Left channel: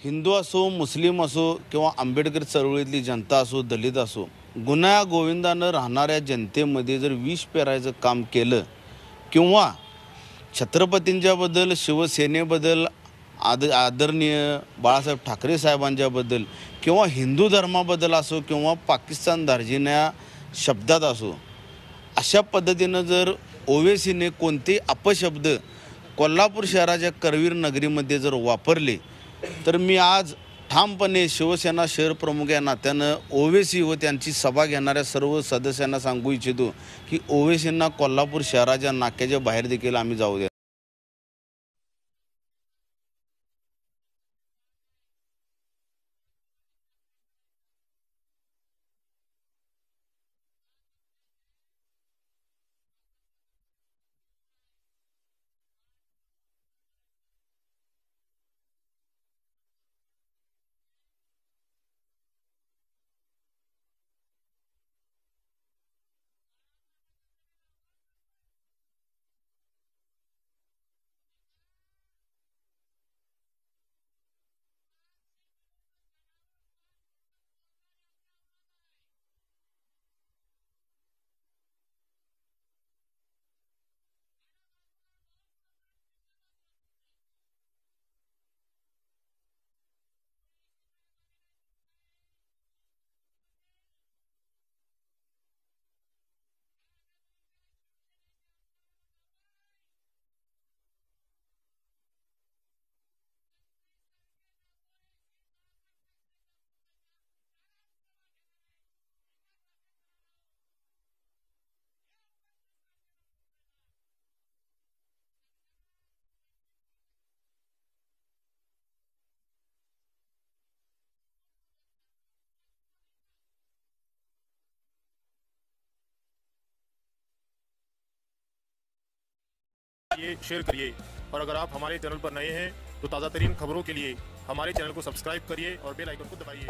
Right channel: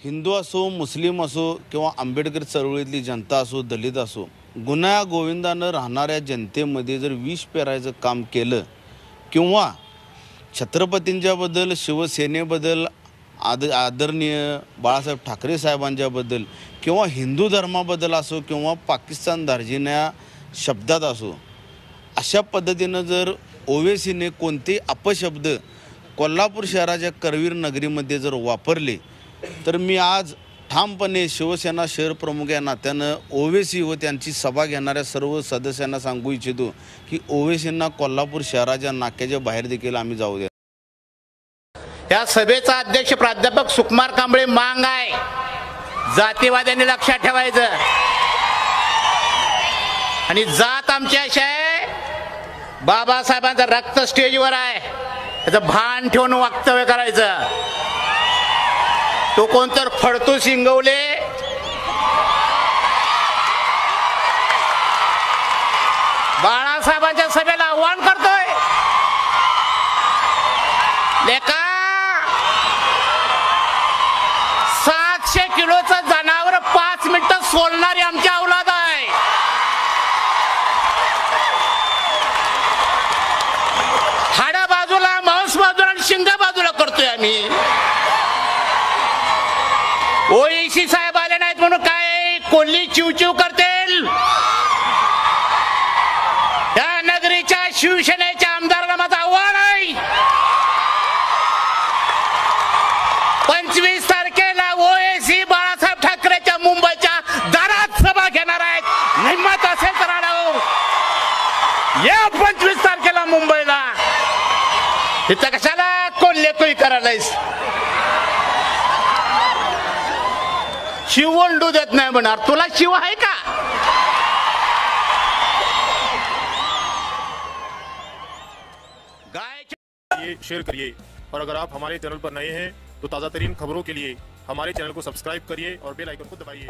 हिंदू असो, मुस्लिम असो किंवा आंबेडकर चळवळीतली जनता असो, दलित असो, गुन्हा गोविंदानं राहणाऱ्या जनतेमध्ये जर विष पेरायचं काम केलं किंवा छत्रपतींच्याबद्दल, शिवसेनेबद्दल, आदरणीय बाळासाहेब ठाकरे साहेबांच्याबद्दल किंवा हिंदू धर्माबद्दल असो किंवा पाकिस्तान दार्जिन्या शब्दात असो, अशा पद्धतीनं जर ओवेसीने कोणते अपशब्द कोल्हापूर शहराच्या करवीर नगरीमध्ये जर वापरले तर मी आज ठामपणे शिवसेना शहर प्रमुख या नात्यानं ओवेसी व त्यांची सभा घेणाऱ्या सर्व सदस्यांना सांगू इच्छितो की ओवेसींना कोल्हापूर शहराच्या नाक्याच्या बाहेर देखील आम्ही जाऊ द्या। या सभेचा अध्यक्ष प्राध्यापक सुकुमार कांबळे मांग आहे, जातीवाद्यांनी लक्षात ठेवायचं। आणि जात आमची अशी आहे, बाबासाहेबांचं रक्त स्टेजवर आहे, त्याचं भान ठेवून वक्तव्य करायचं। तो कोणतर फडतू शिंगवले बाळासाहेबांच्या सभेला आव्हान करतोय, लेका 700 किलोचं जनावर 5 मिनिटं सोलणारी आमची औलाद आहे। हाडा बाजूला, मांस बाजूला आणि शिंग बाजूला करतोय आम्ही। ओईसी साहेब आले नाहीत म्हणून काय कोल्ही चिवचिव करतील? या नगरीच्या शिवसेनेच्या आमदारांना माझं आव्हान आहे, 25 तारखेला ओएसी बाळासाहेब ठाकरेच्या मुंबईच्या दारात सभा घेणार आहेत। हिम्मत असेल तर आढाव या 25 तारखेला मुंबईला। इथं कशाला कोल्हे करायलायस? शिवंडू देत नाही म्हणणार, तुला शिव आहे का? ये शेयर करिए और अगर आप हमारे चैनल पर नए हैं तो ताज़ा तरीन खबरों के लिए हमारे चैनल को सब्सक्राइब करिए और बेल आइकन को दबाइए।